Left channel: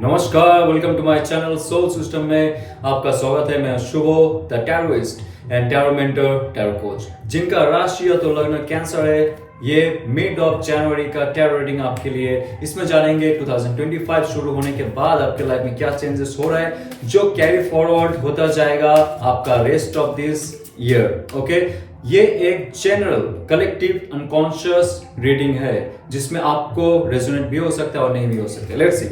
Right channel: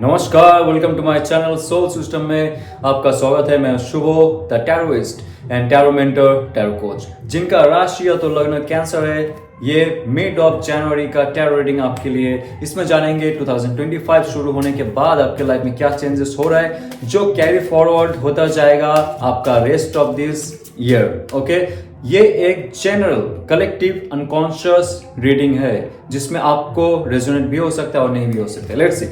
नमस्कार, welcome to my channel Soul System में आपका स्वागत है। मैं Shubho the tarotist and tarot mentor tarot coach, जिनका राशि तो लग्न कैंसर है। ये मिड ऑफ जनवरी का टैरो रीडिंग आपके लिए। इसमें जानेंगे 2025 शुरू होने के बाद आपके लाइफ में क्या चेंजेस हो रहा है, जो कैरी फॉरवर्ड होता जाएगा आपका rest of this year. Okay, ये एक जनरल कलेक्टिव अनकॉन्शियस रीडिंग है, जिसमें आपको रेजोनेट भी हो सकता है और नहीं भी हो सकता है। Let's see.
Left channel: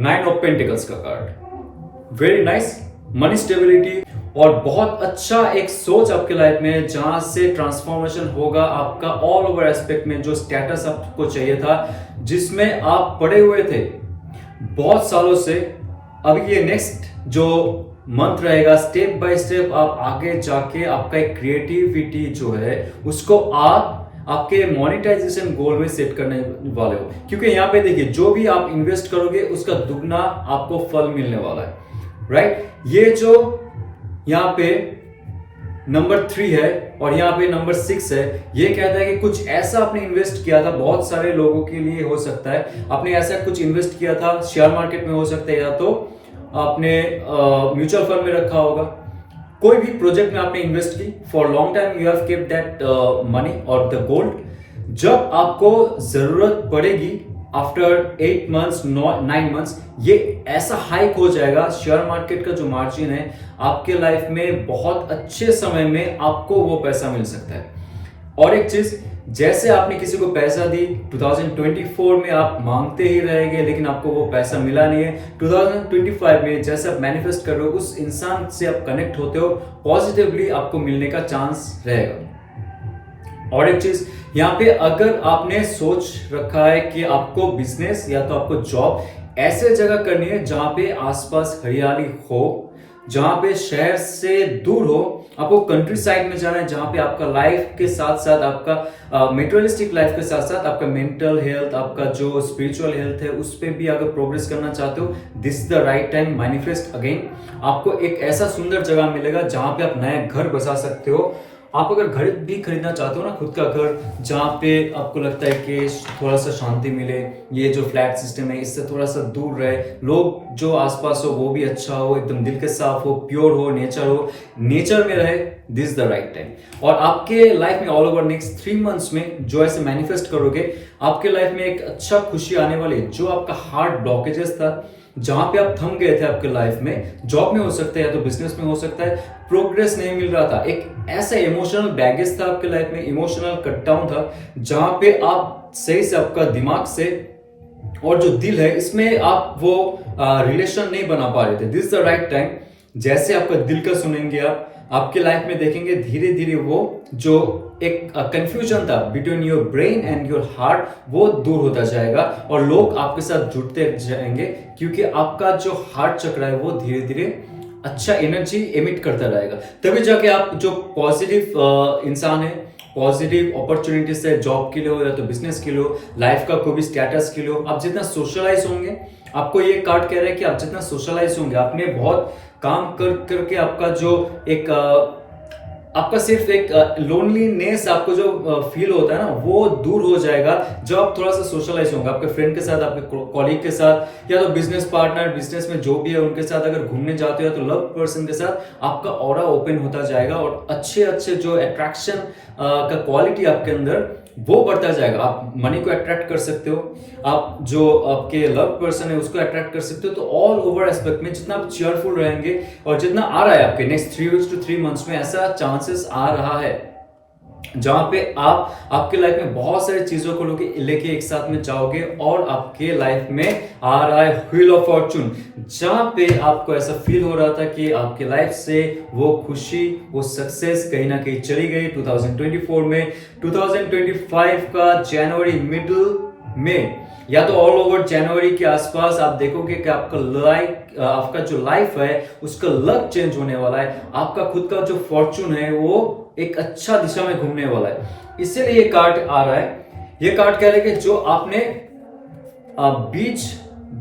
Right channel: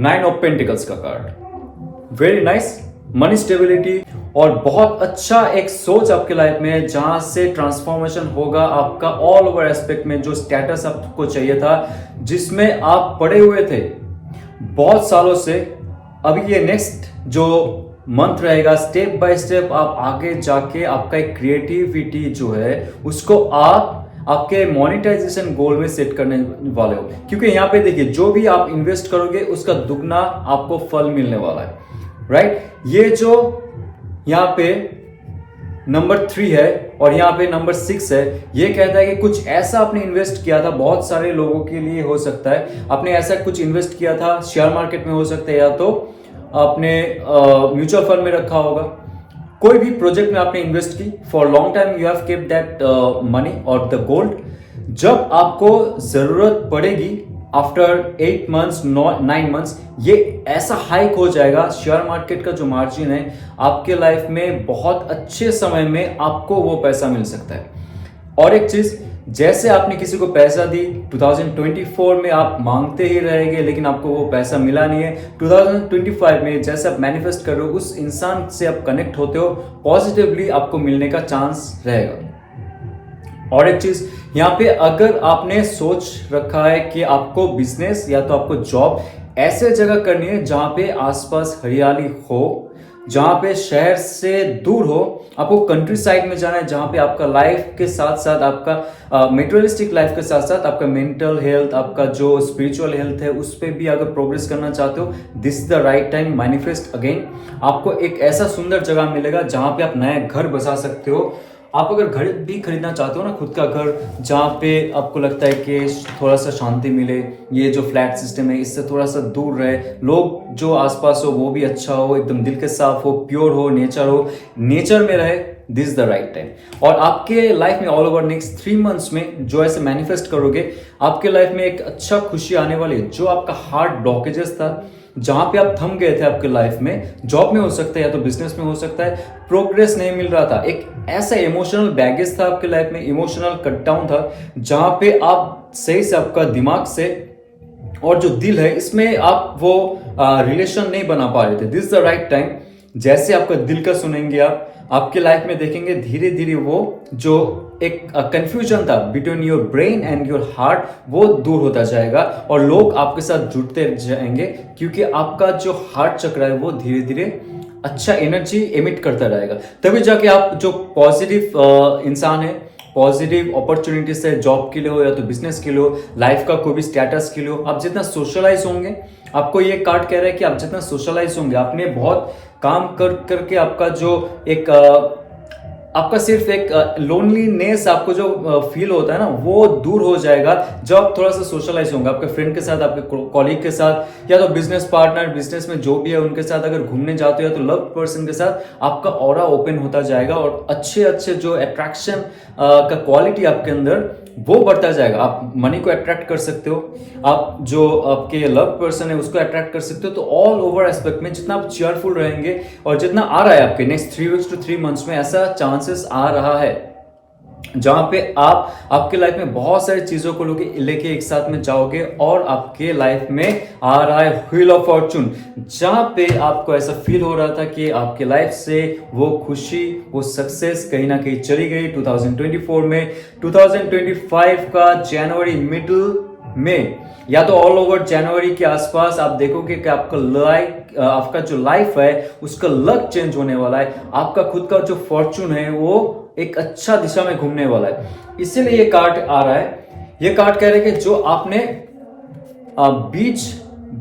9 ऑफ पेंटिकल्स का card, very nice. Money stability और बहुत अच्छा एक सोच आपके लाइफ में, जहां से ट्रांसफॉर्मेशन होगा आपका ऑल ओवर एस्पेक्ट में। जो स्टेटस आपको चाहिए था, जिसमें आप पड़े हुए थे बहुत सालों से, अभी ये नेक्स्ट जो मंथ रहेगा, स्टेप बाय स्टेप आप आगे जाके आपका एक क्रिएटिविटी जो है उसको आप आपके मोनेटाइजेशन गोल में सेट करने वाले हो। क्योंकि यहाँ पे देखिए, जो भी आप इन्वेस्ट करोगे उसका दुगना आपको फल मिलने वाला है, राइट। ये जो यहाँ पे नंबर 3 है और यहाँ पे नंबर 6 है, ये कहता है कि कुछ ऐसा आपने इन्वेस्ट किया था। बहुत सारे लोगों के लिए हो सकता है आपने ऐसा कुछ इन्वेस्ट किया था, शेयर मार्केट में हो सकता है, या तो आपने म्यूचुअल फंड में रखा होगा। कोई भी प्रोजेक्ट में आपने इन्वेस्ट की, for long time you have keep that money और द गोल्ड। जब आपको जरूरत पड़ेगी आफ्टर 8 मंथ्स 9 मंथ्स, ये ऐसा हाइक हो जाएगा। शेयर मार्केट का जो मार्जिन है आपके लाइफ में, बहुत अच्छे समय में आपको वो पैसा मिल सकता है। और एक चीज, जैसे आपने किसी को पैसा दी 2024 में, आप मांगते ही रहेंगे लेकिन आपको वो पैसा मिला नहीं है। 2025 में जैसे आप मैनिफेस्ट कर रहे हो, उस इंसान से आप कनेक्ट होते हो, पॉजिटिवली आपको मिलने का चांस रहेगा। और एक चीज यहाँ पे, अगर आपने सोच रखा है कि आपको बिजनेस या तो आपको जॉब ऐसे जगह करनी है जहां पे आसपास हरियाली हो, जहां पे शहर से दूर हो, आपको कंट्री साइड में जाना है, जहां पे आपका लाइफ के साथ साथ आपका मेटेरियलिस्टिक लाइफ के साथ साथ आपका मेंटल हेल्थ, आपका जो स्पिरिचुअल हेल्थ है, उस पर भी अगर प्रोग्रेस करना चाहते हो, this is the right time. Manifest again. आपको एक ऐसा सुंदर जगह मिलेगा जहां पे आप नया घर बसा सकते हो। आप अगर घर भी खरीदना चाहते हो ना, खुद का घर, जहाँ पे आपको लगता है कि थोड़ा सा शांति मिले, ये जो फ्लैट सिस्टम है इससे थोड़ा सा दूर रहे, लोग जो आसपास हो वो भी अच्छा हो, एकदम दिल के साफ हो, प्योर हो, नेचर में रहे, दिस द राइट टाइम। और आपके लाइफ में ऑल ओवर नेक्स्ट 3 मंथ्स में जो ऐसे मैनिफेस्ट करोगे, आपके लाइफ में एक अच्छा खुशी आने वाली। जो आपका हार्ट ब्लॉकेजेस था, जहां पे आप थम गए थे आपके लाइफ में, जॉब में हो सकता है या तो बिजनेस में हो सकता है, प्रोग्रेस नहीं मिल रहा था, एक ऐसा इमोशनल बैगेज था आपके लाइफ में, इमोशनल कट डाउन था, जहां पे आप सही से आपका दिमाग से और जो दिल है इसमें आप वो रिलेशन नहीं बना पा रहे थे। This the right time. जैसे आपका दिल का सुनेंगे, आप आपके लाइफ में देखेंगे धीरे धीरे वो जो एक कंफ्यूजन था between your brain and your heart, वो दूर होता जाएगा और लोग आपके साथ जुड़ते जाएंगे, क्योंकि आपका जो हार्ट चक्र है वो धीरे धीरे अच्छा एनर्जी एमिट करता रहेगा। तभी जाके आप जो पॉजिटिव इंसान है, पॉजिटिव अपॉर्चुनिटी से, जॉब के लिए हो या तो बिजनेस के लिए हो, लाइफ का कोई भी स्टेटस के लिए हो, आप जितना सोशलाइज होंगे, आपको ये कार्ड कह रहा है कि आप जितना सोशलाइज होंगे, आपने बहुत काम कर करके आपका जो एक आपका सिर्फ एक लोनलीनेस आपको जो फील होता है ना, वो दूर हो जाएगा जब आप थोड़ा सा सोशलाइज होंगे, आपके फ्रेंड के साथ, आपके कॉलीग के साथ, या तो बिजनेस पार्टनर, बिजनेस में जो भी है उनके साथ अगर घूमने जाते हो, तो लव पर्सन के साथ आपका ऑरा ओपन होता जाएगा और अच्छे अच्छे जो अट्रैक्शन का क्वालिटी आपके अंदर वो बढ़ता जाएगा। आप मनी को अट्रैक्ट कर सकते हो, आप जो आपके लव पर्सन है उसको अट्रैक्ट कर सकते हो। तो ऑल ओवर एस्पेक्ट में जितना आप चेयरफुल रहेंगे और जितना आ रहा है आपके नेक्स्ट 3 वीक्स टू 3 मंथ्स में, ऐसा चांसेस आ रहा है जहां पे आप आपके लाइफ में बहुत सारी चीजों को लेके एक साथ में जाओगे और आपके लाइफ में आ रहा है व्हील ऑफ फॉर्चून, जहां पे आपको ऐसा फील हो रहा था कि आपके लाइफ से वो खुशी, वो सक्सेस कहीं ना कहीं चली गई 2024 में। 2025 का जनवरी मिडल में या तो ऑल ओवर जनवरी के आसपास आप देखोगे कि आपका जो लाइफ है उसका लक चेंज होने वाला है। आपका खुद का जो फॉर्चून है वो एक अच्छा दिशा में घूमने वाला है। इसीलिए ये कार्ड आ रहा है। ये कार्ड कह रहे हैं कि जो आपने बीज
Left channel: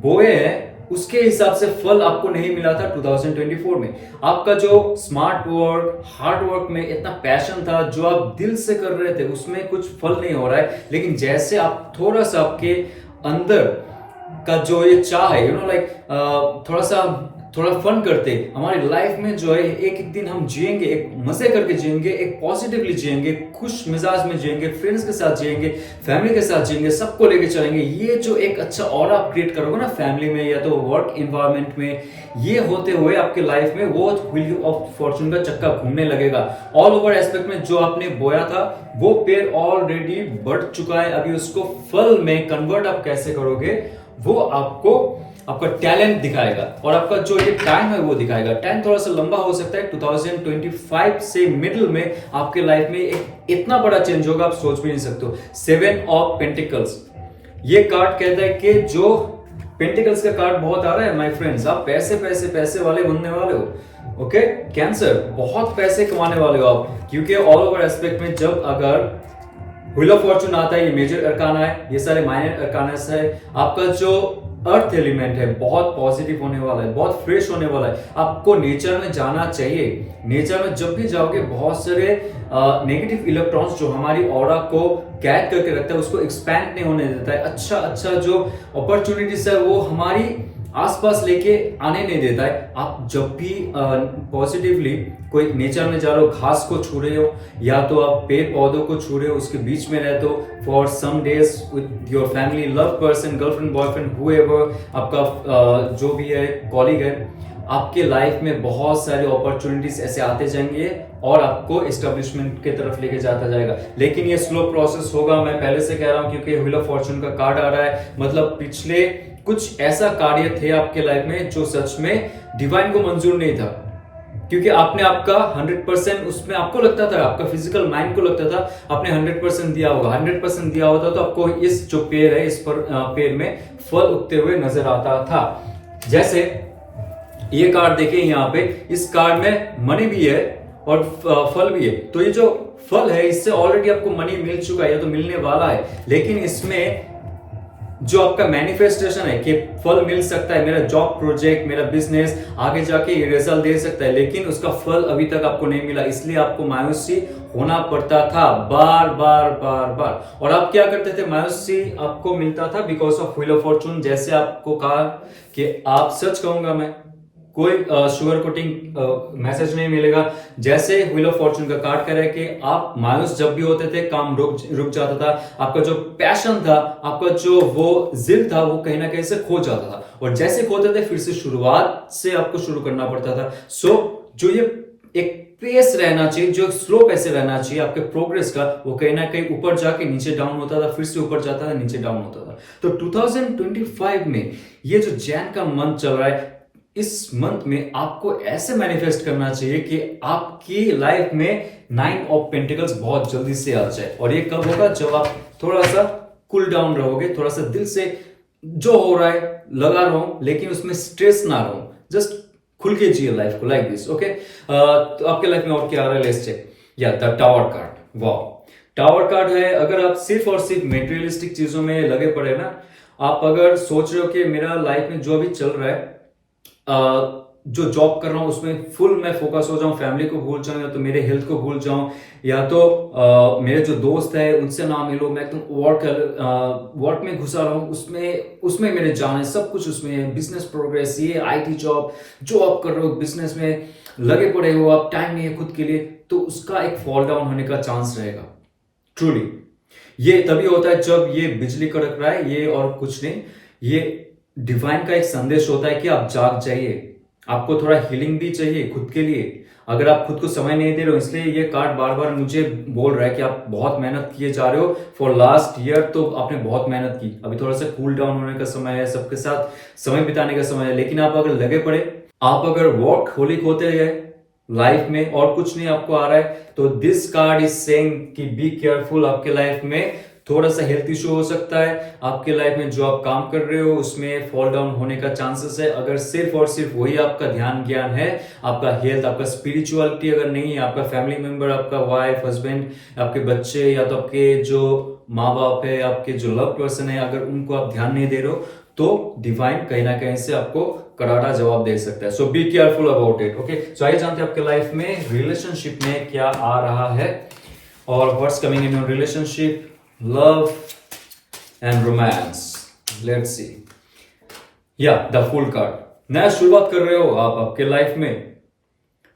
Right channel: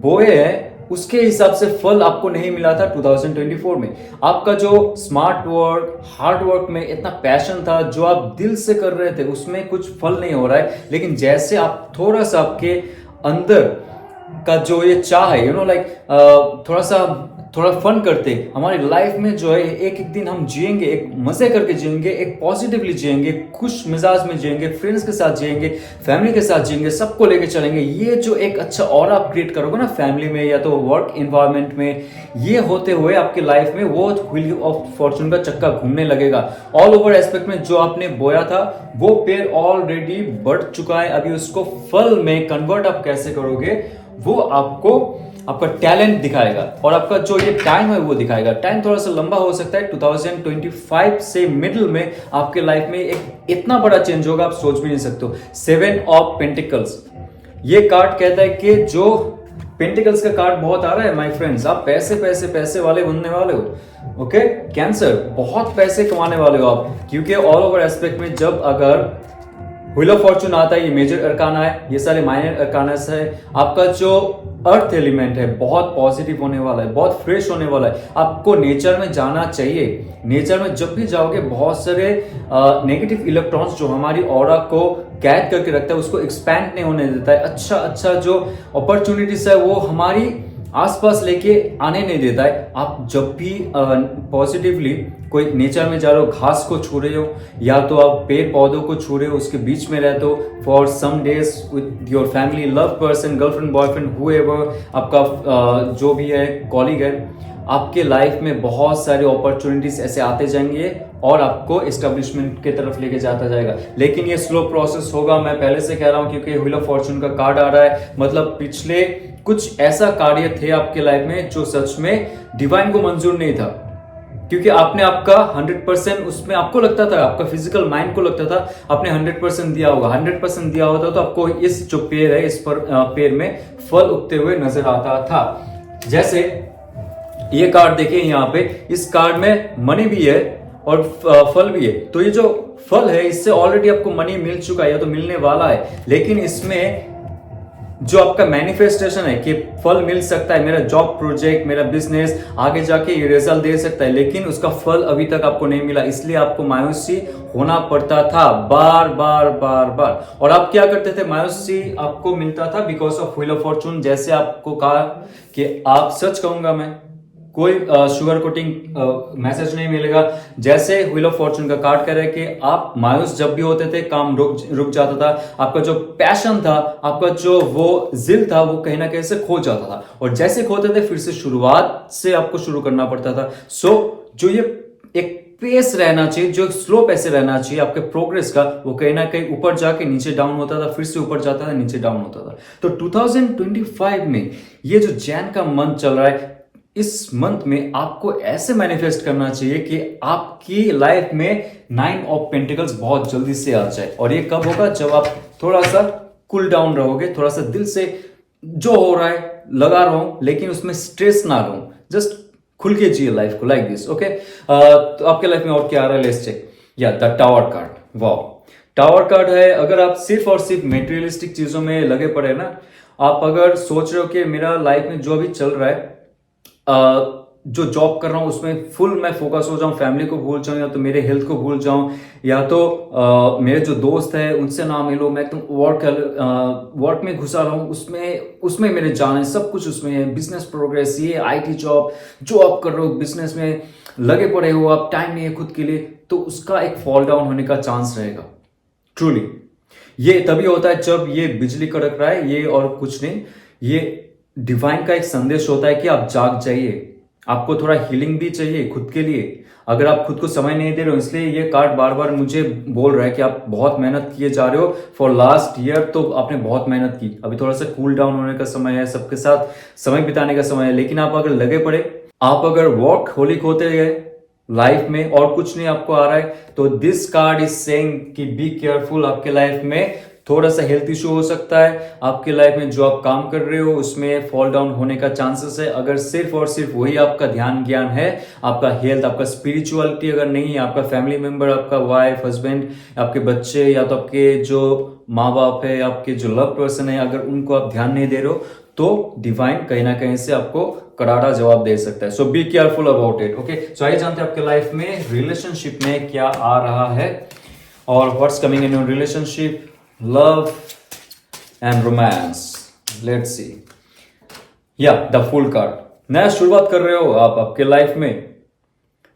बोए हैं उसके हिसाब से फल आपको नहीं मिला था 2024 में। आपका जो स्मार्ट वर्क, हार्ड वर्क में इतना पैशन था, जो आप दिल से कर रहे थे, उसमें कुछ फल नहीं हो रहा है। लेकिन जैसे आप थोड़ा सा आपके अंदर का जो ये चाह है, थोड़ा फन करते हमारी लाइफ में जो है एक एक दिन हम जिएंगे, एक मजे करके जिएंगे, एक पॉजिटिवली जिएंगे, खुश मिजाज में जिएंगे, फ्रेंड्स के साथ जिएंगे, फैमिली के साथ जिएंगे, सबको लेके चलेंगे। ये जो एक अच्छा ऑरा आप क्रिएट करोगे ना फैमिली में या तो वर्क इन्वायरमेंट में, ये होते हुए आपकी लाइफ में वो व्हील ऑफ फॉर्चून का चक्का घूमने लगेगा। ऑल ओवर एस्पेक्ट में जो आपने बोया था वो पेड़ ऑलरेडी बढ़ चुका है, अभी उसको फल में कन्वर्ट आप कैसे करोगे वो आपको आपका टैलेंट दिखाएगा और आपका जो ये टाइम है वो दिखाएगा। टाइम थोड़ा सा लंबा हो सकता है, 2025 से मिडिल में आपके लाइफ में एक इतना बड़ा चेंज होगा आप सोच भी नहीं सकते हो। 7 ऑफ पेंटिकल्स, ये कार्ड कहता है कि जो पेंटिकल्स का कार्ड बहुत आ रहा है माय फ्रेंड्स, आप पैसे पैसे पैसे वाले बनने वाले हो। ओके कैंसर, बहुत पैसे कमाने वाले हो आप, क्योंकि ऑल ओवर एस्पेक्ट में जब अगर व्हील ऑफ फॉर्चून आता है, ये मेजर अरकाना है, ये सारे माइनर अरकानास है, आपका जो अर्थ एलिमेंट है बहुत पॉजिटिव होने वाला है, बहुत फ्रेश होने वाला है। आपको नेचर में जाना चाहिए। नेचर में जब भी जाओगे बहुत सारे नेगेटिव इलेक्ट्रॉन्स जो हमारी ऑरा को कैद करके रखता है उसको एक्सपैंड नहीं होने देता है। अच्छा जो अपॉर्चुनिटीज है वो हमारी आसपास लेके आने नहीं देता है। आप जब भी पॉजिटिवली कोई नेचर में जा रहे हो, घास को छू रहे हो या तो आप पेड़ पौधों को छू रहे हो, उसके बीच में रहते हो for some days with your family, love person, girlfriend, boyfriend, whoever आपका जो भी है कॉलीग है, आपके लाइफ में बहुत सारे अपॉर्चुनिटीज ऐसे आते जाएंगे और आपको एस्टेब्लिशमेंट की तरफ लेके जाता जाएगा। लेकिन ये स्लो प्रोसेस होगा, मैं पहले से कह रहा हूं, क्योंकि व्हील ऑफ फॉर्चून का कार्ड आ रहा है, मतलब पिछले कुछ ऐसा कार्य थे आपके लाइफ में जो सच में डिवाइन को मंजूर नहीं था, क्योंकि आपने आपका 100% उसमें आपको लगता था, आपका फिजिकल माइंड को लगता था आपने 100% दिया होगा। 100% दिया होता तो आपको इस जो पेड़ है इस पर पेड़ में फल उगते हुए नजर आता था। जैसे ये कार्ड देखिए यहाँ पे, इस कार्ड में मनी भी है और फल भी है। तो ये जो फल है इससे ऑलरेडी आपको मनी मिल चुका है या तो मिलने वाला है, लेकिन इसमें जो आपका मैनिफेस्टेशन है कि फल मिल सकता है, मेरा जॉब प्रोजेक्ट, मेरा बिजनेस आगे जाके ये रिजल्ट दे सकता है, लेकिन उसका फल अभी तक आपको नहीं मिला, इसलिए आपको मायूसी होना पड़ता था बार बार बार बार। और आप क्या करते थे, मायूसी आपको मिलता था because of wheel of Fortune. जैसे आपको कहा कि आप सच कहूंगा मैं, कोई शुगर कोटिंग मैसेज नहीं मिलेगा। जैसे व्हील ऑफ फॉर्चून का कार्ड कह रहा है कि आप मायूस जब भी होते थे काम रुक जाता था, आपका जो पैशन था, आपका जो वो जिल था वो कहीं ना कहीं से खो जाता था, और जैसे खोते थे फिर से शुरुआत से आपको शुरू करना पड़ता था। सो जो ये एक पेस रहना चाहिए, जो स्लो पैसे रहना चाहिए आपके प्रोग्रेस का, वो कहीं ना कहीं ऊपर जाके नीचे डाउन होता था, फिर से ऊपर जाता था, नीचे डाउन होता था। तो 2025 में ये जो जैन का मंथ चल रहा है, इस मंथ में आपको ऐसे मैनिफेस्ट करना चाहिए कि आपकी लाइफ में 9 ऑफ पेंटिकल्स बहुत जल्दी से आ जाए। और ये कब होगा, जब आप थोड़ा सा कूल डाउन रहोगे, थोड़ा सा दिल से जो हो रहा है लगा रहो, लेकिन उसमें स्ट्रेस ना रहो, जस्ट खुल के जिए लाइफ को लाइक दिस। ओके, तो आपके लाइफ में और क्या आ रहा है, लेट्स चेक। या द टावर कार्ड, वाह, टावर कार्ड है। अगर आप सिर्फ और सिर्फ मेटेरियलिस्टिक चीजों में लगे पड़े ना, आप अगर सोच रहे हो कि मेरा लाइफ में जो भी चल रहा है, जो जॉब कर रहा हूं उसमें फुल मैं फोकस हो जाऊं, फैमिली को भूल जाऊं, या तो मेरे हेल्थ को भूल जाऊं, या तो मेरे जो दोस्त है उनसे ना मिलो, मैं तुम वर्क में घुसा रहा हूं, उसमें मेरे जाना है, सब कुछ उसमें है, बिजनेस प्रोग्रेस, ये आईटी जॉब जो आप कर रहे हो, बिजनेस में लगे पड़े हो आप, टाइम नहीं है खुद के लिए, तो उसका एक फॉल डाउन होने का चांस रहेगा। ट्रूली ये तभी होता है जब ये बिजली कड़क रहा है, ये और कुछ नहीं, ये डिवाइन का एक संदेश होता है कि आप जाग जाइए, आपको थोड़ा हीलिंग भी चाहिए खुद के लिए। अगर आप खुद को समय नहीं दे रहे हो, इसलिए ये कार्ड बार बार मुझे बोल रहा है कि आप बहुत मेहनत किए जा रहे हो फॉर लास्ट ईयर, तो आपने बहुत मेहनत की, अभी थोड़ा सा कूल डाउन होने का समय है, सबके साथ समय बिताने का समय है। लेकिन आप अगर लगे पड़े, आप अगर वर्क होलिक होते गए लाइफ में और कुछ नहीं आपको आ रहा है, तो दिस कार्ड इज सेइंग कि बी केयरफुल। आपके लाइफ में थोड़ा सा हेल्थ इशू हो सकता है, आपके लाइफ में जो आप काम कर रहे हो उसमें फॉल डाउन होने का चांसेस है। अगर सिर्फ और सिर्फ वही आपका ध्यान ज्ञान है, आपका हेल्थ, आपका स्पिरिचुअलिटी अगर नहीं है, आपका फैमिली मेंबर, आपका वाइफ, हस्बैंड, आपके बच्चे, या तो आपके जो माँ बाप है, आपके जो लव पर्सन है, अगर उनको आप ध्यान नहीं दे रहे हो, तो डिवाइन कहीं ना कहीं से आपको करारा जवाब दे सकता है। So be careful about it. Okay, so आइए जानते हैं आपके लाइफ में रिलेशनशिप में क्या आ रहा है, और what's coming in your relationship, love and romance. Let's see. या द फुल कार्ड। नया शुरुआत कर रहे हो आप आपके लाइफ में,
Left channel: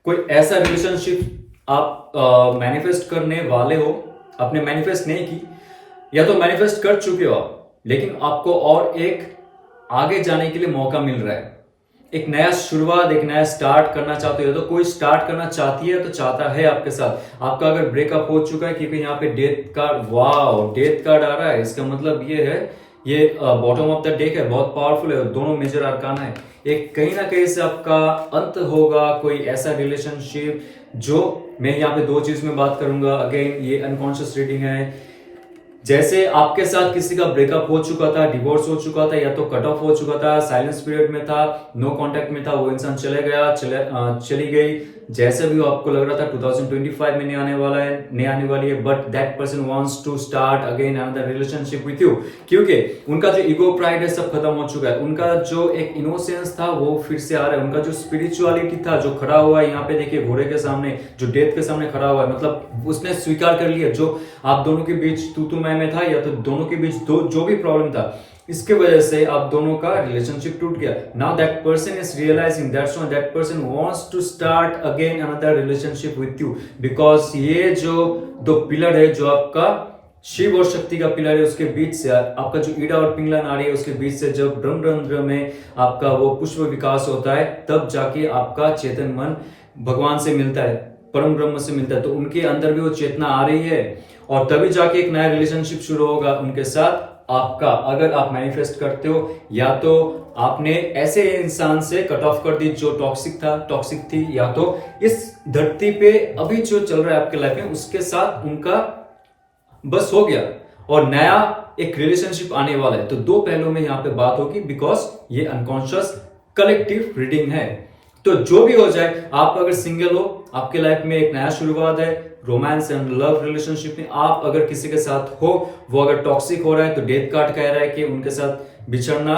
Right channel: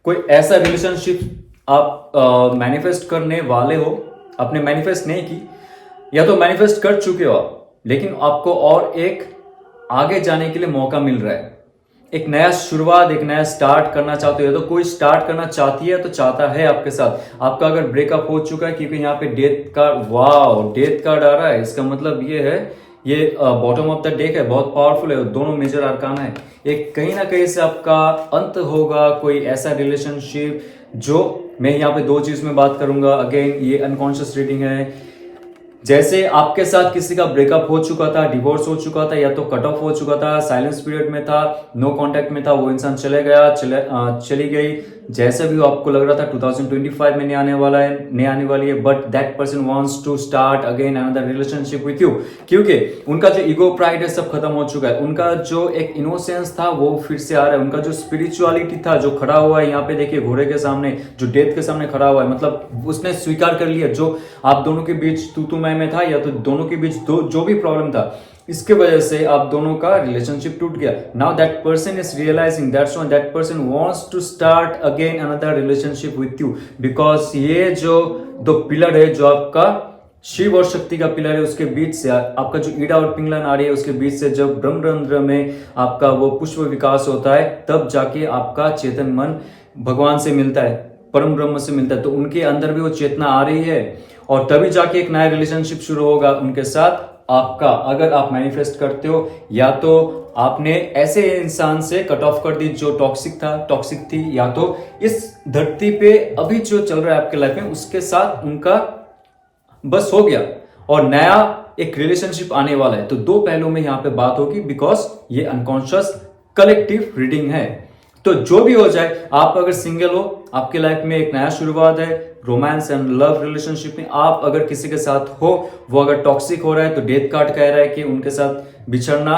कोई ऐसा रिलेशनशिप आप मैनिफेस्ट करने वाले हो, आपने मैनिफेस्ट नहीं की या तो मैनिफेस्ट कर चुके हो आप, लेकिन आपको और एक आगे जाने के लिए मौका मिल रहा है। एक नया शुरुआत, एक नया स्टार्ट करना चाहते हो, तो कोई स्टार्ट करना चाहती है तो चाहता है आपके साथ। आपका अगर ब्रेकअप हो चुका है, क्योंकि यहाँ पे death card, wow death card आ रहा है, इसका मतलब ये है, ये बॉटम ऑफ द डेक है, बहुत पावरफुल है, दोनों मेजर अरकान है। एक कहीं ना कहीं से आपका अंत होगा, कोई ऐसा रिलेशनशिप जो, मैं यहाँ पे दो चीज में बात करूंगा। अगेन ये अनकॉन्शियस रीडिंग है। जैसे आपके साथ किसी का ब्रेकअप हो चुका था, डिवोर्स हो चुका था, या तो कट ऑफ हो चुका था, साइलेंस पीरियड में था, नो कांटेक्ट में था, वो इंसान चले गया, चली गई, जैसे भी आपको लग रहा था 2025 में नहीं आने वाला है, नहीं आने वाली है, but that person wants to start again another relationship with you, क्योंकि उनका जो ईगो प्राइड है सब खत्म हो चुका है, उनका जो एक इनोसेंस था वो फिर से आ रहा है, उनका जो स्पिरिचुअलिटी था जो खड़ा हुआ है यहाँ पे देखिए घोड़े के सामने, जो डेथ के सामने खड़ा हुआ है, मतलब उसने स्वीकार कर लिया जो आप दोनों के बीच तू मैं था, या तो दोनों के बीच जो भी प्रॉब्लम था, इसके वजह से आप दोनों का रिलेशनशिप टूट गया। Now that person is realising that's why that person wants to start again another relationship with you, because ये जो दो पिलर है, जो आपका शिव और शक्ति का पिलर है, उसके बीच से आपका जो ईड़ा और पिंगला नाड़ी है, उसके बीच से जब ब्रह्मरंध्र में आपका वो पुष्प विकास होता है, तब जाके आपका चेतन मन भगवान से मिलता है, परम ब्रह्म से मिलता है, तो उनके अंदर भी वो चेतना आ रही है, और तभी जाके एक नया रिलेशनशिप शुरू होगा उनके साथ आपका। अगर आप मैनिफेस्ट करते हो, या तो आपने ऐसे इंसान से कट ऑफ कर दी जो टॉक्सिक थी, या तो इस धरती पे अभी जो चल रहा है आपके लाइफ में उसके साथ उनका बस हो गया, और नया एक रिलेशनशिप आने वाला है। तो दो पहलू में यहां पे बात होगी, बिकॉज ये अनकॉन्शियस कलेक्टिव रीडिंग है। तो जो भी हो जाए, आप अगर सिंगल हो, आपके लाइफ में एक नया शुरुआत है, रोमांस एंड लव रिलेशनशिप में आप अगर किसी के साथ हो, वो अगर टॉक्सिक हो रहा है तो डेथ कार्ड कह रहा है कि उनके साथ बिछड़ना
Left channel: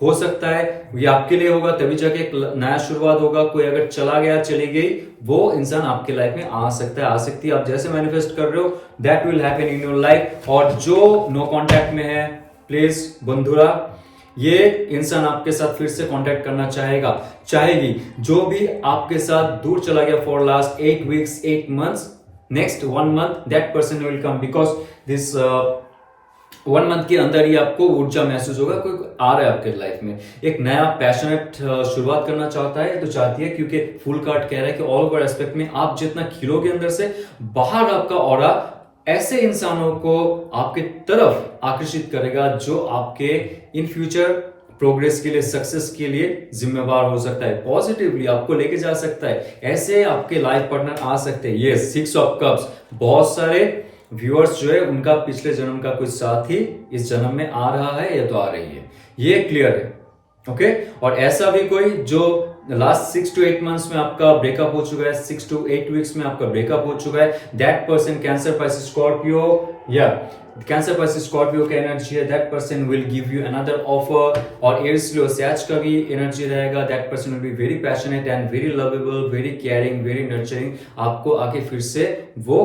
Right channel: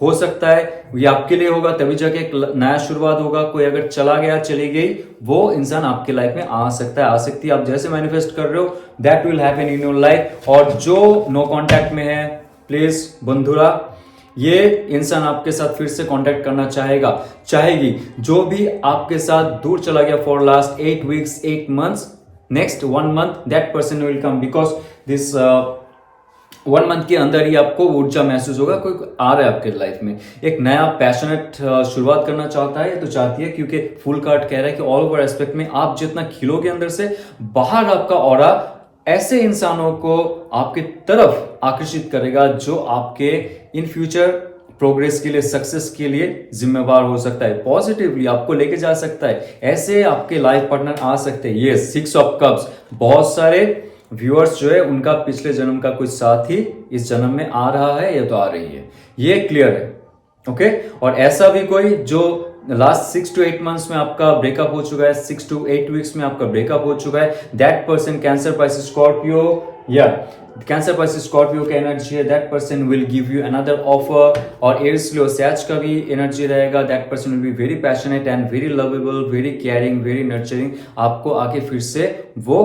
हो सकता है, ये आपके लिए होगा, तभी जाके एक नया शुरुआत होगा। कोई अगर चला गया, चली गई, वो इंसान आपके लाइफ में आ सकता है, आ सकती है। आप जैसे मैनिफेस्ट कर रहे हो that will happen in your life. और जो नो कांटेक्ट में है, प्लीज बंधुरा, ये इंसान आपके साथ फिर से कांटेक्ट करना चाहेगी। जो भी आपके साथ दूर चला गया for last 8 weeks, 8 months, next 1 month that person will come, because this 1 month के अंदर ही आपको ऊर्जा महसूस होगा, कोई आ रहा है आपके लाइफ में, एक नया पैशनेट शुरुआत करना चाहता है, तो चाहती है, क्योंकि फुल कार्ड कह रहा है कि ऑल ओवर एस्पेक्ट में आप जितना खिलोगे अंदर से, बाहर आपका ऑरा ऐसे इंसानों को आपके तरफ आकर्षित करेगा जो आपके इन फ्यूचर प्रोग्रेस के लिए, सक्सेस के लिए जिम्मेवार हो सकता है, पॉजिटिवली आपको लेके जा सकता है। ऐसे आपके लाइफ पार्टनर आ सकते हैं। ये 6 ऑफ कप्स, बहुत सारे व्यूअर्स जो है उनका पिछले जन्म का कुछ साथी इस जन्म में आ रहा है या तो आ रही है, ये क्लियर है। ओके, और ऐसा भी कोई जो लास्ट 6 to 8 मंथ्स में आपका ब्रेकअप हो चुका है, 6 to 8 वीक्स में आपका ब्रेकअप हो चुका है, that person cancer, Pisces, Scorpio, या कैंसर, पाइसेस, स्कॉर्पियो का एनर्जी है, that person will give you another offer. और एयर्स, लियो, सैज का भी एनर्जी रहेगा, that person will be very passionate and very lovable, very caring, very nurturing, आपको आके फिर से वो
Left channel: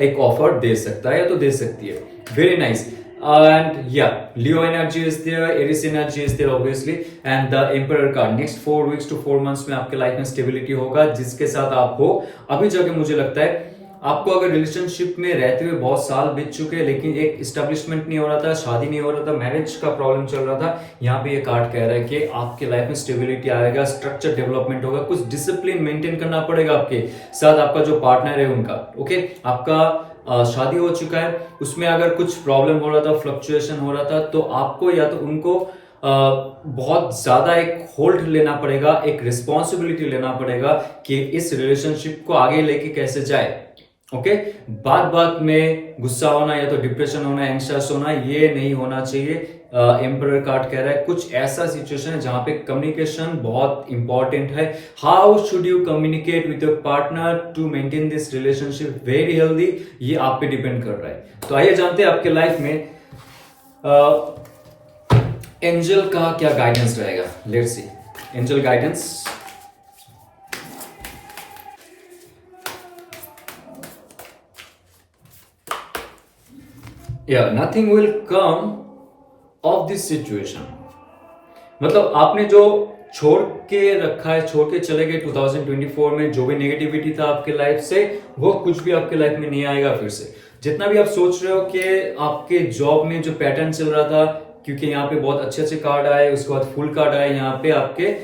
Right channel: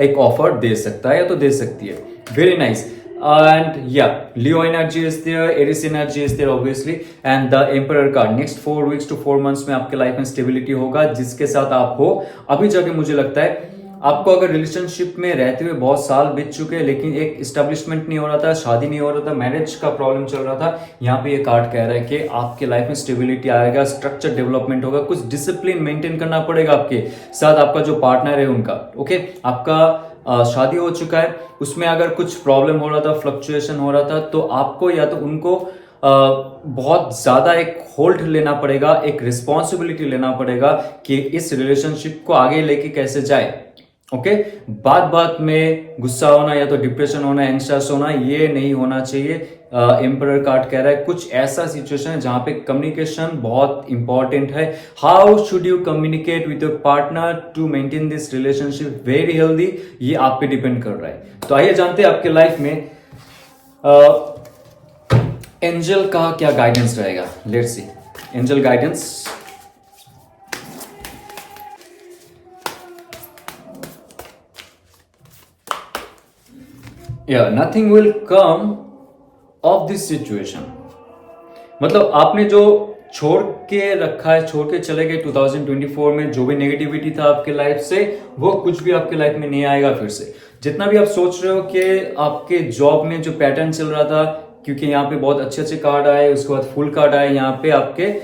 एक ऑफर दे सकता है या तो दे सकती है। Very nice. And yeah, Leo energy is there, Aries energy is there obviously, and the Emperor card, next 4 weeks to 4 months में आपके लाइफ में स्टेबिलिटी होगा, जिसके साथ आप हो। अभी जाके मुझे लगता है आपको अगर रिलेशनशिप में रहते हुए बहुत साल बीत चुके हैं, लेकिन एक इस्टेब्लिशमेंट नहीं हो रहा था, शादी नहीं हो रहा था, मैरिज का प्रॉब्लम चल रहा था, यहाँ पे ये कार्ड कह रहा है कि आपके लाइफ में स्टेबिलिटी आएगा, स्ट्रक्चर डेवलपमेंट होगा, कुछ डिसिप्लिन मेंटेन करना पड़ेगा आपके साथ, आपका जो पार्टनर है उनका। ओके, आपका शादी हो चुका है, उसमें अगर कुछ प्रॉब्लम हो रहा था, फ्लक्चुएशन हो रहा था, तो आपको या तो उनको बहुत ज्यादा एक होल्ड लेना पड़ेगा, एक रिस्पॉन्सिबिलिटी लेना पड़ेगा कि इस रिलेशनशिप को आगे लेके कैसे जाए। ओके, बात में गुस्सा होना या तो डिप्रेशन होना, एंग्शियस होना, ये नहीं होना चाहिए। एम्परर कार्ड कह रहा है कुछ ऐसा सिचुएशन है जहां पे कम्युनिकेशन बहुत इंपॉर्टेंट है। How should you communicate with your partner to maintain this relationship very healthy, ये आप पे डिपेंड कर रहा है। तो आइए जानते हैं आपके लाइफ में एंजल का क्या गाइडेंस रहेगा। Let's see angel guidance. Yeah, nothing will come of this situation. मतलब आपने जो छोड़ के रखा है, छोड़ के चले गए 2024 में, जो भी नेगेटिविटी था आपके लाइफ से, वो कुछ भी आपके लाइफ में नहीं आएगा फिर से। जितना भी आप सोच रहे हो कि आपके जॉब में जो पैटर्न चल रहा था, क्योंकि यहाँ पे बहुत अच्छे अच्छे कार्ड आए, उसके बाद फुल कार्ड आए, यहाँ पे आपके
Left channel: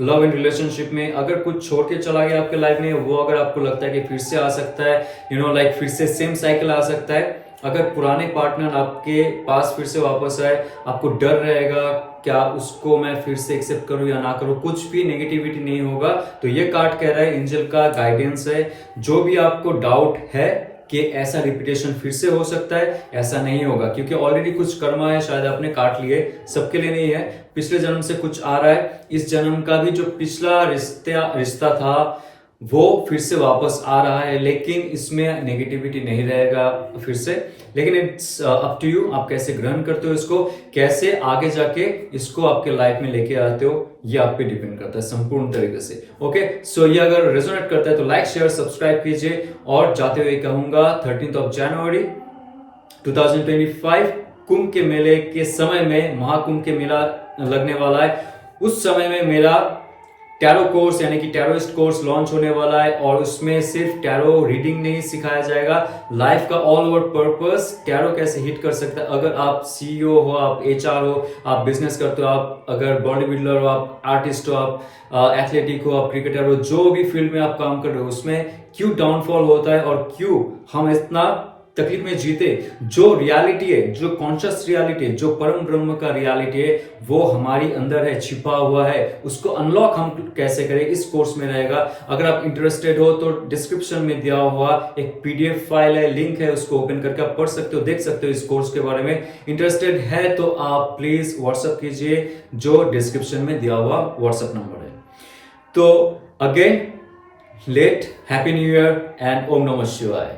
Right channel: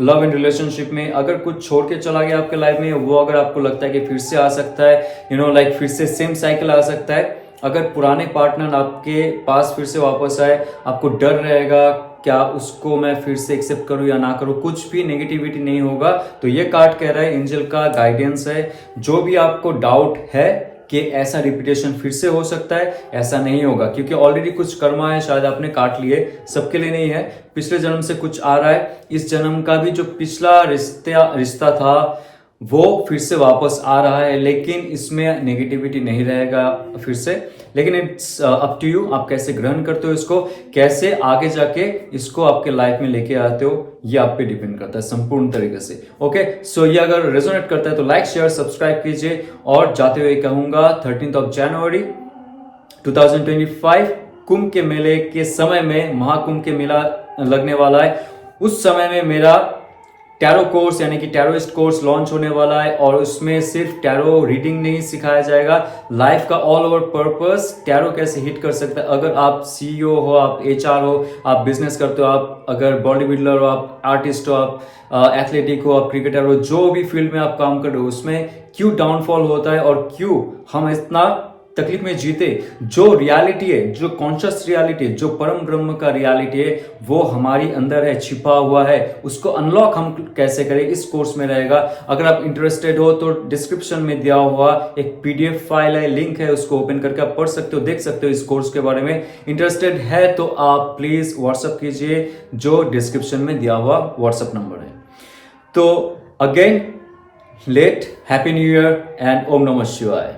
लव एंड रिलेशनशिप में अगर कुछ छोड़ के चला गया आपके लाइफ में, वो अगर आपको लगता है कि फिर से आ सकता है, लाइक फिर से सेम साइकिल आ सकता है, अगर पुराने पार्टनर आपके पास फिर से वापस आए, आपको डर रहेगा क्या उसको मैं फिर से एक्सेप्ट करूं या ना करूं, कुछ भी नेगेटिविटी नहीं होगा। तो ये कार्ड कह रहा है, एंजल का गाइडेंस है, जो भी आपको डाउट है कि ऐसा रिपीटेशन फिर से हो सकता है, ऐसा नहीं होगा, क्योंकि ऑलरेडी कुछ कर्मा है, शायद आपने काट लिए, सबके लिए नहीं है। पिछले जन्म से कुछ आ रहा है, इस जन्म का भी जो पिछला रिश्ता था वो फिर से वापस आ रहा है, लेकिन इसमें नेगेटिविटी नहीं रहेगा फिर से। लेकिन इट्स अप टू यू, आप कैसे ग्रहण करते हो इसको, कैसे आगे जाके इसको आपके लाइफ में लेके आते हो, ये आप पे डिपेंड करता है संपूर्ण तरीके से। ओके, सो ये अगर रेजोनेट करता है तो लाइक शेयर सब्सक्राइब कीजिए। और जाते हुए कहूंगा 13 जनवरी 2025 कुंभ के मेले के समय में, महाकुंभ के मेला लगने वाला है, उस समय में मेरा टैरो कोर्स यानी कि टैरोइस्ट कोर्स लॉन्च होने वाला है। और उसमें सिर्फ टैरो रीडिंग नहीं सिखाया जाएगा, लाइफ का ऑल ओवर पर्पस, टैरो कैसे हिट कर सकता है। अगर आप सीईओ हो, आप एचआर हो, आप बिजनेस करते हो, आप अगर बॉडी बिल्डर हो, आप आर्टिस्ट हो, आप एथलेटिक हो, आप क्रिकेटर हो, जो भी फील्ड में आप काम कर रहे हो, उसमें क्यों डाउनफॉल होता है और क्यों हम इतना तकलीफ में जीते, जो रियलिटी है, जो कॉन्शियस रियलिटी है, जो परम ब्रह्म का रियलिटी है, वो हमारे अंदर है, छिपा हुआ है, उसको अनलॉक हम कैसे करें, इस कोर्स में रहेगा। अगर आप इंटरेस्टेड हो तो डिस्क्रिप्शन में दिया हुआ एक पीडीएफ फाइल है, लिंक है, उसको ओपन करके आप पढ़ सकते हो, देख सकते हो इस कोर्स के बारे में। इंटरेस्टेड है तो आप प्लीज व्हाट्सएप कीजिए, जो डिस्क्रिप्शन में दिया हुआ व्हाट्सएप नंबर है। तो again let happy new year and ओम नमः शिवाय।